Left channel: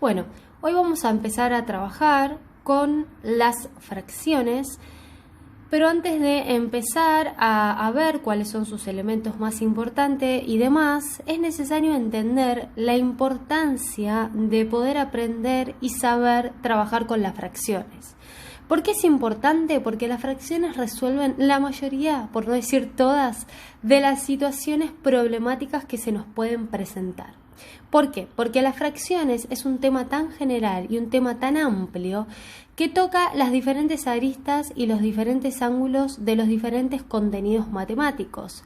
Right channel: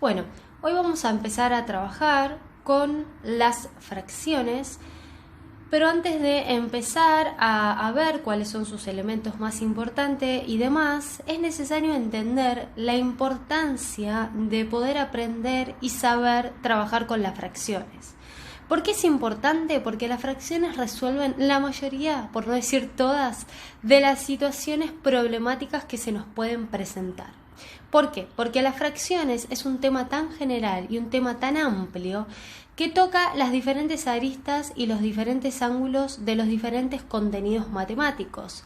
Bueno, hoy vamos a empezar a trabajar con las fracciones, pero antes de empezar a ver cuáles son sus elementos más importantes y demás, es necesario entender la importancia de poder aprender y saber trabajar con las fracciones. ¿Por qué es importante? Porque las fracciones resuelven la mayoría, por no decir todas, de las situaciones problemáticas que se nos pueden presentar. ¿Por qué? Porque las fracciones es un tema tan general y un tema tan amplio que toca las diferentes aristas y los diferentes ángulos de los diferentes contenidos matemáticos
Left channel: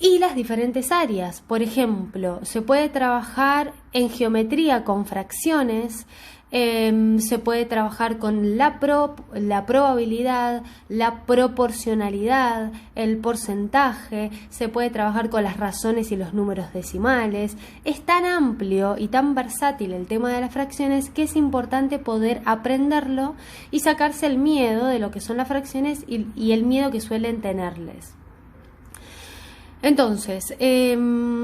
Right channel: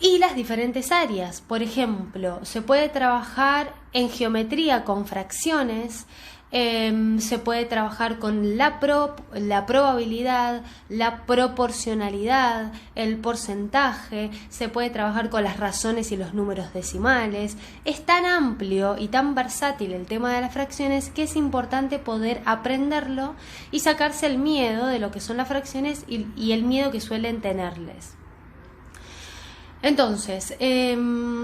y las diferentes áreas. Por ejemplo, se puede trabajar en geometría con fracciones, se puede trabajar con la probabilidad, la proporcionalidad, el porcentaje, se puede trabajar con las razones y los números decimales. Es tan amplio y tan versátil el tema de las fracciones que es importante poder aprenderlo y sacarse el miedo de lo que son las fracciones y el miedo que suelen tenerles. Entonces,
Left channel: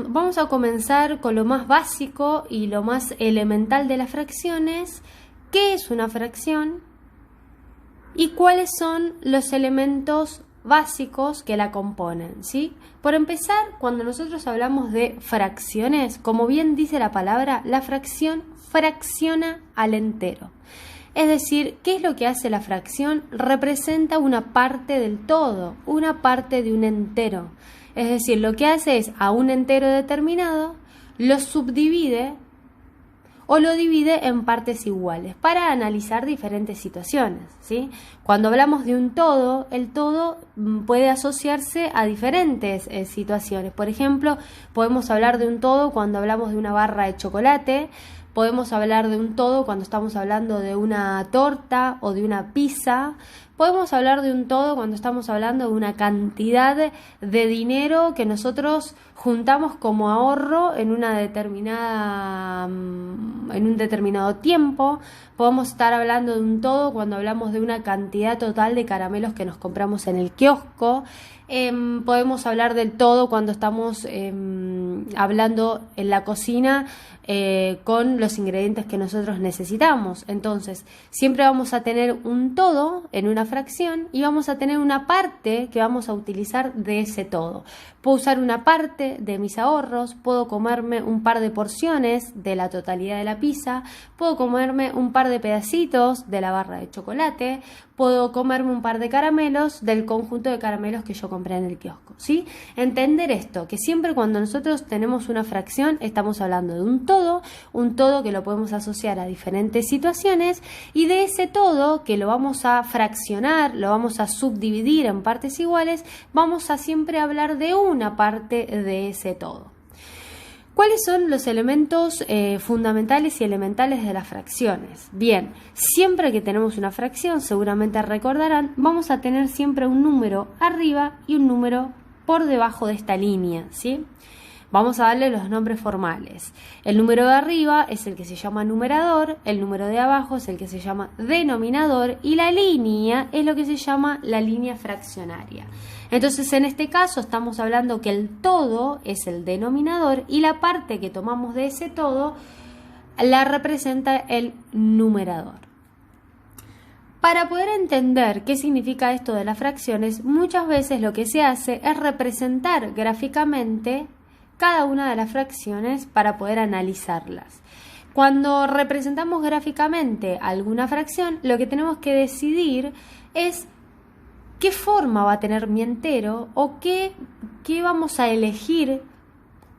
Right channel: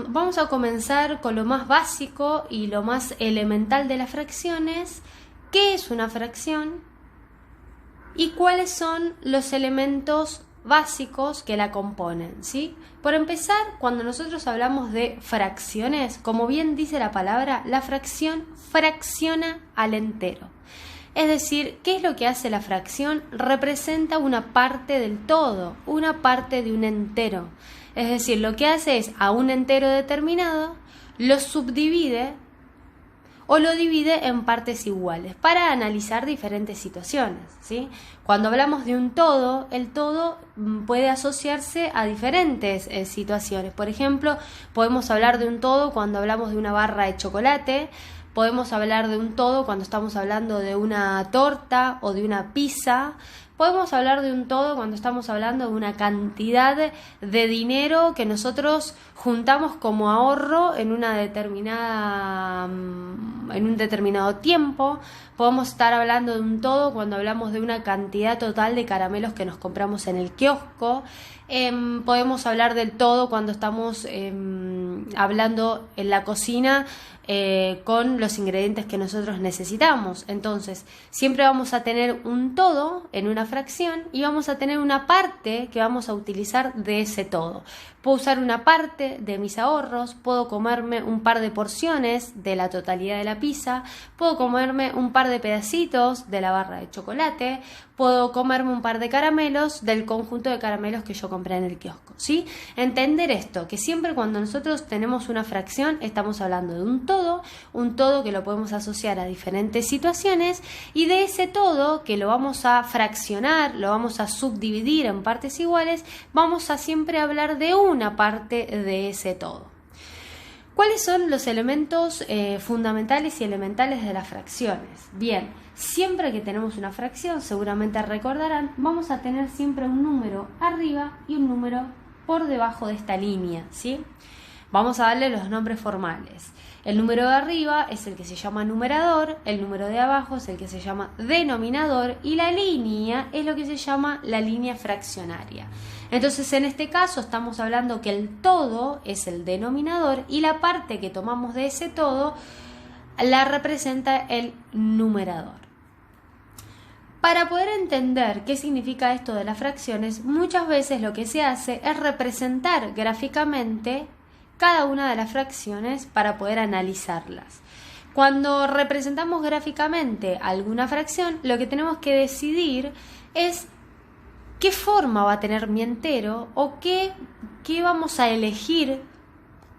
vamos a comenzar con lo más básico y lo más elemental de las fracciones. ¿Qué es una fracción? ¿Y cuáles son los elementos básicos que la componen? ¿Sí? Por empezar, cuando nosotros hablamos de fracciones, como bien dice la palabra, la fracción fracciona al entero. Es decir, ¿qué es lo que hace la fracción? Representa una parte del todo, una parte de un entero. Es decir, lo que hace es a un entero determinado, lo subdivide o lo divide en partes iguales para analizar diferentes situaciones, ¿sí? Cuando hablamos de un todo, el todo puede asociarse a diferentes situaciones. Por ejemplo, podemos hablar de un todo cuando hablamos de una barra de chocolate. Podemos hablar de un todo cuando estamos hablando de una torta o de una pizza. Podemos hablar de un todo cuando estamos hablando de una cantidad de dinero que nosotros juntamos como ahorro en un determinado tiempo. Podemos estar hablando de un todo cuando hablamos de una cantidad total de caramelos que nos compramos en el kiosco. Podemos hablar del todo cuando estamos hablando en la cocina con los ingredientes que nosotros necesitamos. Entonces, siempre vamos a tener un todo en una fracción y vamos a tener una parte que vamos a utilizar de ese todo. Puedo usar una parte de mis ahorros, puedo comerme un par de porciones de la totalidad de la pizza, puedo comerme un par de pedacitos de la barra de chocolate, puedo comerme un par de caramelos del conjunto de caramelos que yo compré en el kiosco, ¿sí? Entender esto, que siempre cuando nosotros tenemos una fracción estamos hablando de un todo que lo podemos asociar a diferentes situaciones y de ese todo que lo vamos a fraccionar, lo vamos a subdividir en partes iguales, vamos a siempre hablar de una parte de ese todo. ¿Cuáles son los elementos fundamentales y elementales de las fracciones? Bien, siempre que tenemos una fracción, seguramente recordarán, vamos a tener siempre un número arriba y un número por debajo de esta línea, ¿sí? Vamos a darle los nombres formales. El número de arriba es el que se llama numerador, el número de abajo es el que se llama denominador y la línea es lo que se llama la línea fraccionaria. Entonces, en este caso estamos hablando que el todo es el denominador y la parte que tomamos de ese todo la representa el numerador. Para poder entender qué significa esto de las fracciones, muchas veces lo que se hace es representar gráficamente cada una de las fracciones para poder analizarlas. Cuando representamos gráficamente alguna fracción, lo que tenemos que decidir es qué forma va a tener mi entero o qué vamos a elegir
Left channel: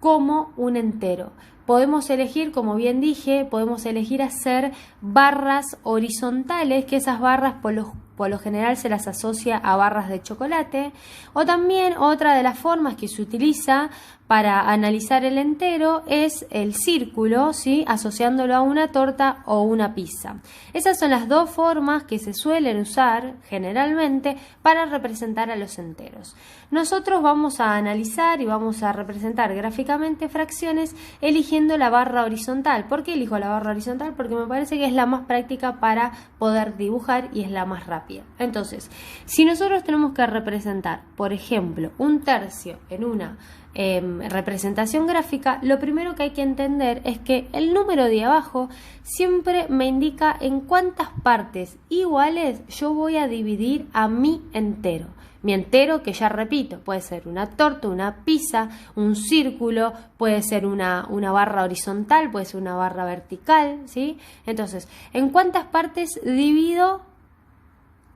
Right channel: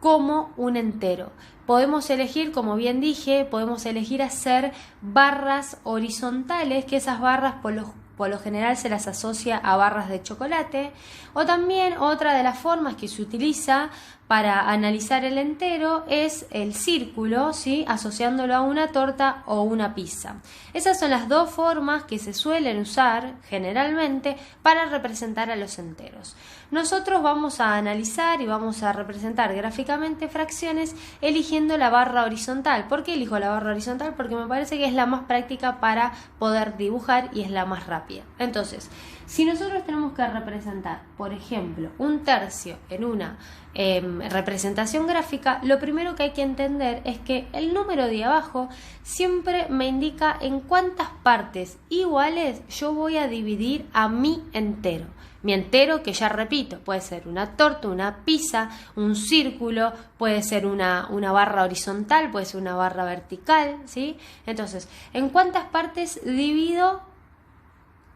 como un entero. Podemos elegir, como bien dije, podemos elegir hacer barras horizontales, que esas barras por lo general se las asocia a barras de chocolate, o también otra de las formas que se utiliza para analizar el entero es el círculo, ¿sí? Asociándolo a una torta o una pizza. Esas son las dos formas que se suelen usar generalmente para representar a los enteros. Nosotros vamos a analizar y vamos a representar gráficamente fracciones eligiendo la barra horizontal. ¿Por qué elijo la barra horizontal? Porque me parece que es la más práctica para poder dibujar y es la más rápida. Entonces, si nosotros tenemos que representar, por ejemplo, un tercio en una representación gráfica, lo primero que hay que entender es que el número de abajo siempre me indica en cuántas partes iguales yo voy a dividir a mi entero. Mi entero, que ya repito, puede ser una torta, una pizza, un círculo, puede ser una barra horizontal, puede ser una barra vertical, ¿sí? Entonces, ¿en cuántas partes divido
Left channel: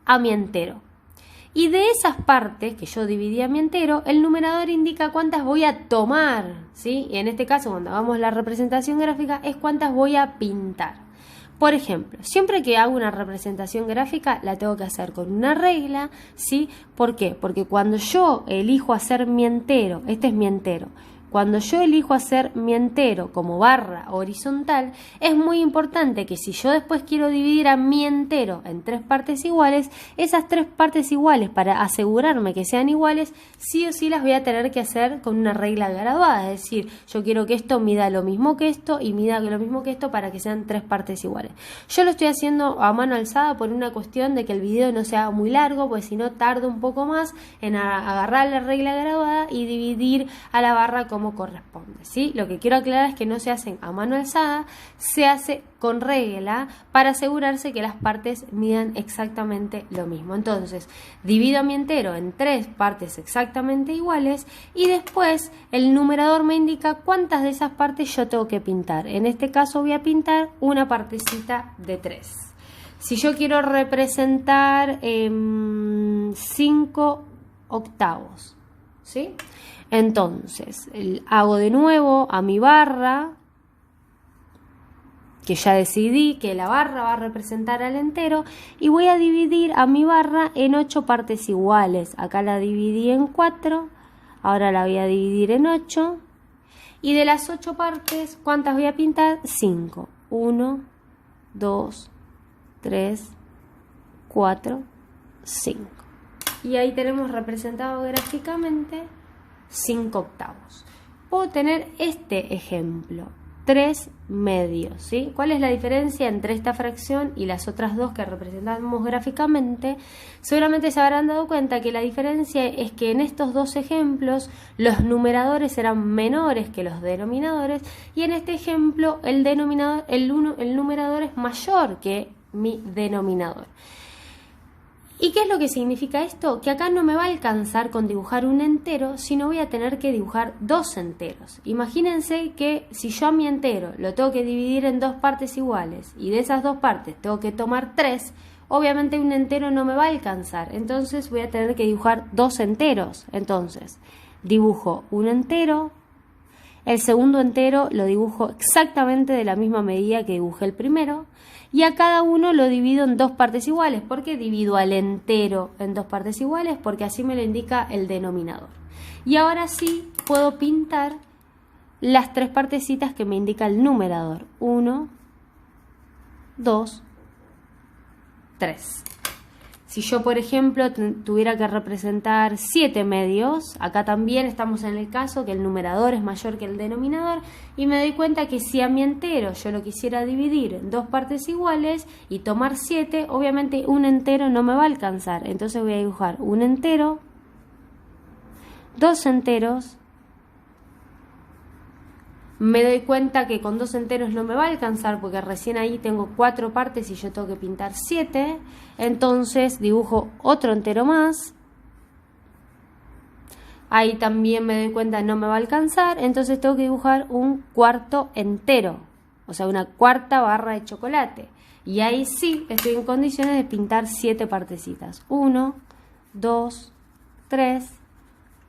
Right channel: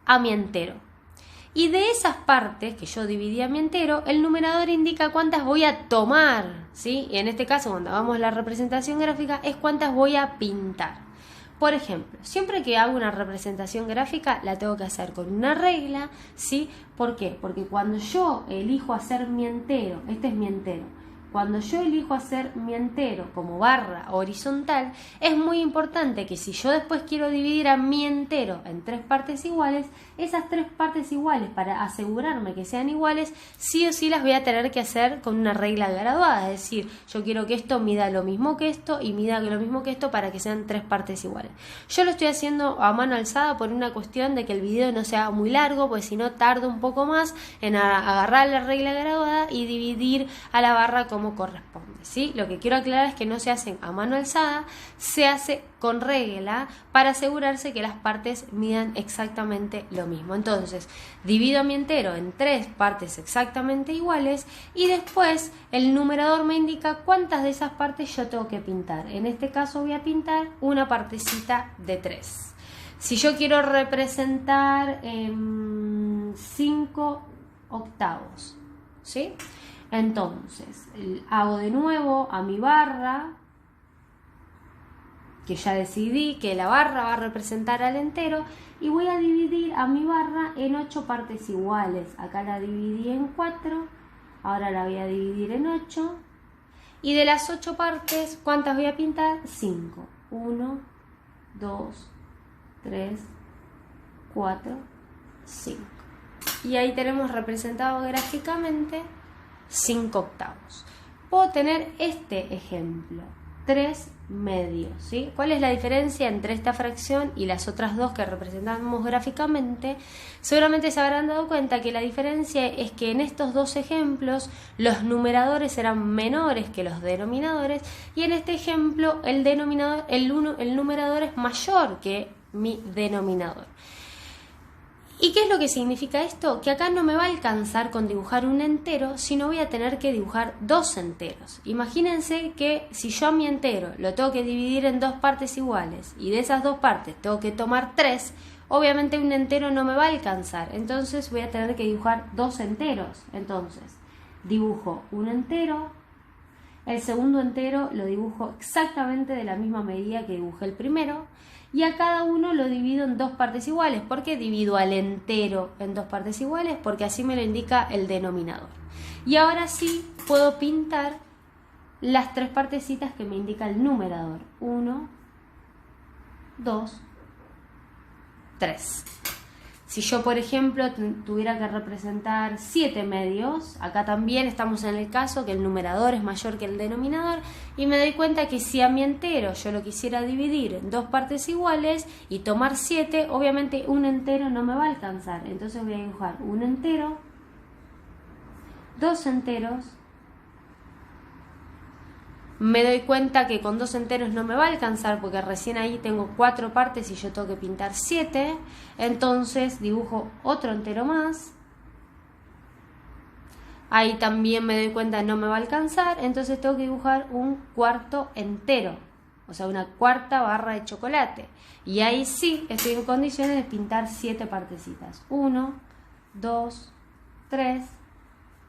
a mi entero? Y de esas partes que yo dividí a mi entero, el numerador indica cuántas voy a tomar, ¿sí? Y en este caso, cuando hagamos la representación gráfica, es cuántas voy a pintar. Por ejemplo, siempre que hago una representación gráfica la tengo que hacer con una regla, ¿sí? ¿Por qué? Porque cuando yo elijo hacer mi entero, este es mi entero, cuando yo elijo hacer mi entero como barra horizontal, es muy importante que si yo después quiero dividir a mi entero en 3 partes iguales, esas 3 partes iguales, para asegurarme que sean iguales, sí o sí las voy a tener que hacer con una regla graduada. Es decir, yo quiero que esto mida lo mismo que esto y mida lo mismo que esto para que sean 3 partes iguales. Yo lo estoy haciendo a mano alzada por una cuestión de que el video no sea muy largo, porque si no tardo un poco más en agarrar la regla graduada y dividir a la barra como corresponde, ¿sí? Lo que quiero aclarar es que no se hace a mano alzada, se hace con regla para asegurarse que las partes midan exactamente lo mismo. Entonces, divido mi entero en 3 partes exactamente iguales y después el numerador me indica cuántas de esas partes yo tengo que pintar. En este caso voy a pintar una partecita de 3. Si yo quiero representar 5 octavos, ¿sí? Entonces, hago de nuevo a mi barra, que ya decidí que la barra va a representar al entero, y voy a dividir a mi barra en 8 partes iguales. Acá la dividí en 4, ahora la voy a dividir en 8, y de las 8 partes, ¿cuántas voy a pintar? 5. 1, 2, 3, 4, 5. Y ahí tenemos representado gráficamente 5 octavos. Puedo tener este ejemplo, 3 medios, ¿sí? ¿Cuál es la diferencia entre esta fracción y las otras dos que representamos gráficamente? Seguramente se habrán dado cuenta que la diferencia es que en estos dos ejemplos los numeradores eran menores que los denominadores y en este ejemplo el numerador es mayor que mi denominador. ¿Y qué es lo que significa esto? Que acá no me va a alcanzar con dibujar un entero, sino voy a tener que dibujar 2 enteros. Imagínense que si yo a mi entero lo tengo que dividir en 2 partes iguales y de esas 2 partes tengo que tomar 3, obviamente un entero no me va a alcanzar. Entonces voy a tener que dibujar 2 enteros. Entonces dibujo un entero, el segundo entero lo dibujo exactamente de la misma medida que dibujé el primero. Y a cada uno lo divido en 2 partes iguales. ¿Por qué divido al entero en 2 partes iguales? Porque así me lo indica el denominador. Y ahora sí puedo pintar las 3 partecitas que me indica el numerador. 1, 2, 3. Si yo, por ejemplo, tuviera que representar 7 medios, acá también estamos en el caso que el numerador es mayor que el denominador y me doy cuenta que si a mi entero yo lo quisiera dividir en 2 partes iguales y tomar 7, obviamente un entero no me va a alcanzar. Entonces voy a dibujar un entero, 2 enteros. Me doy cuenta que con 2 enteros no me va a alcanzar porque recién ahí tengo 4 partes y yo tengo que pintar 7. Entonces dibujo otro entero más. Ahí también me doy cuenta que no me va a alcanzar. Entonces tengo que dibujar un cuarto entero. O sea, una cuarta barra de chocolate. Y ahí sí estoy en condiciones de pintar 7 partecitas. 1, 2, 3,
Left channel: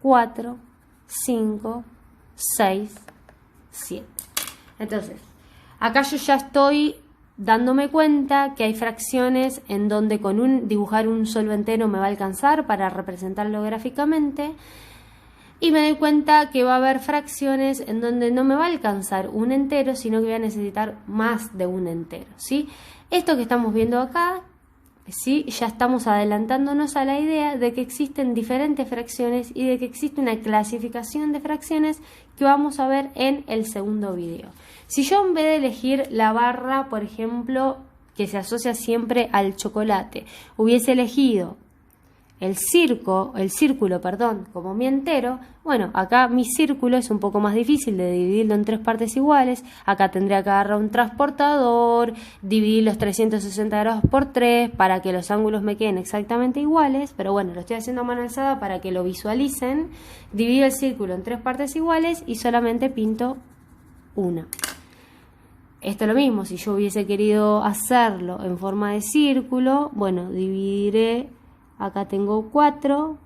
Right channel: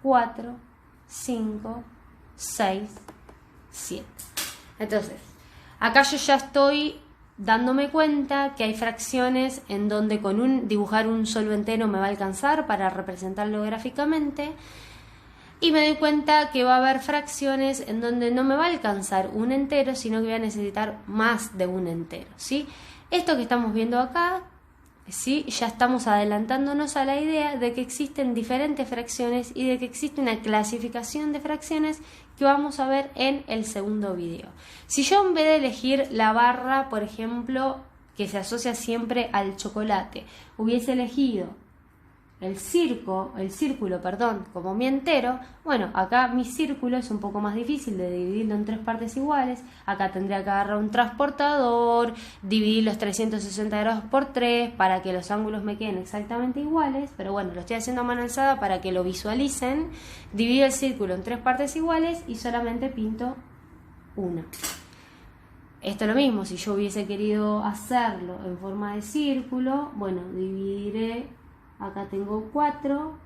4, 5, 6, 7. Entonces, acá yo ya estoy dándome cuenta que hay fracciones en donde con dibujar un solo entero me va a alcanzar para representarlo gráficamente y me doy cuenta que va a haber fracciones en donde no me va a alcanzar un entero, sino que voy a necesitar más de un entero, ¿sí? Esto que estamos viendo acá, ¿sí? Ya estamos adelantándonos a la idea de que existen diferentes fracciones y de que existe una clasificación de fracciones que vamos a ver en el segundo video. Si yo en vez de elegir la barra, por ejemplo, que se asocia siempre al chocolate, hubiese elegido el círculo, perdón, como mi entero, bueno, acá mi círculo es un poco más difícil de dividirlo en 3 partes iguales. Acá tendría que agarrar un transportador, dividir los 360 grados por 3 para que los ángulos me queden exactamente iguales, pero bueno, lo estoy haciendo a mano alzada para que lo visualicen. Divido el círculo en 3 partes iguales y solamente pinto una. Esto es lo mismo, si yo hubiese querido hacerlo en forma de círculo, bueno, dividiré. Acá tengo 4,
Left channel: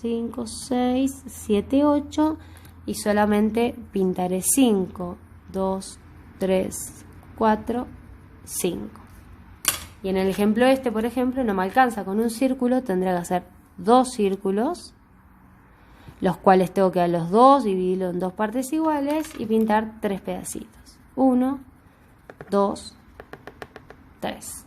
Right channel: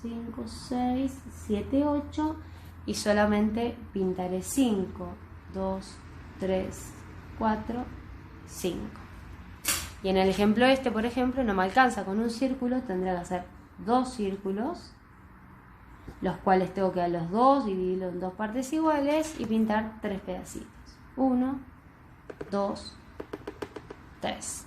5, 6, 7, 8 y solamente pintaré 5, 2, 3, 4, 5. Y en el ejemplo este, por ejemplo, no me alcanza con un círculo, tendré que hacer 2 círculos, los cuales tengo que a los 2 dividirlo en 2 partes iguales y pintar 3 pedacitos. 1, 2, 3.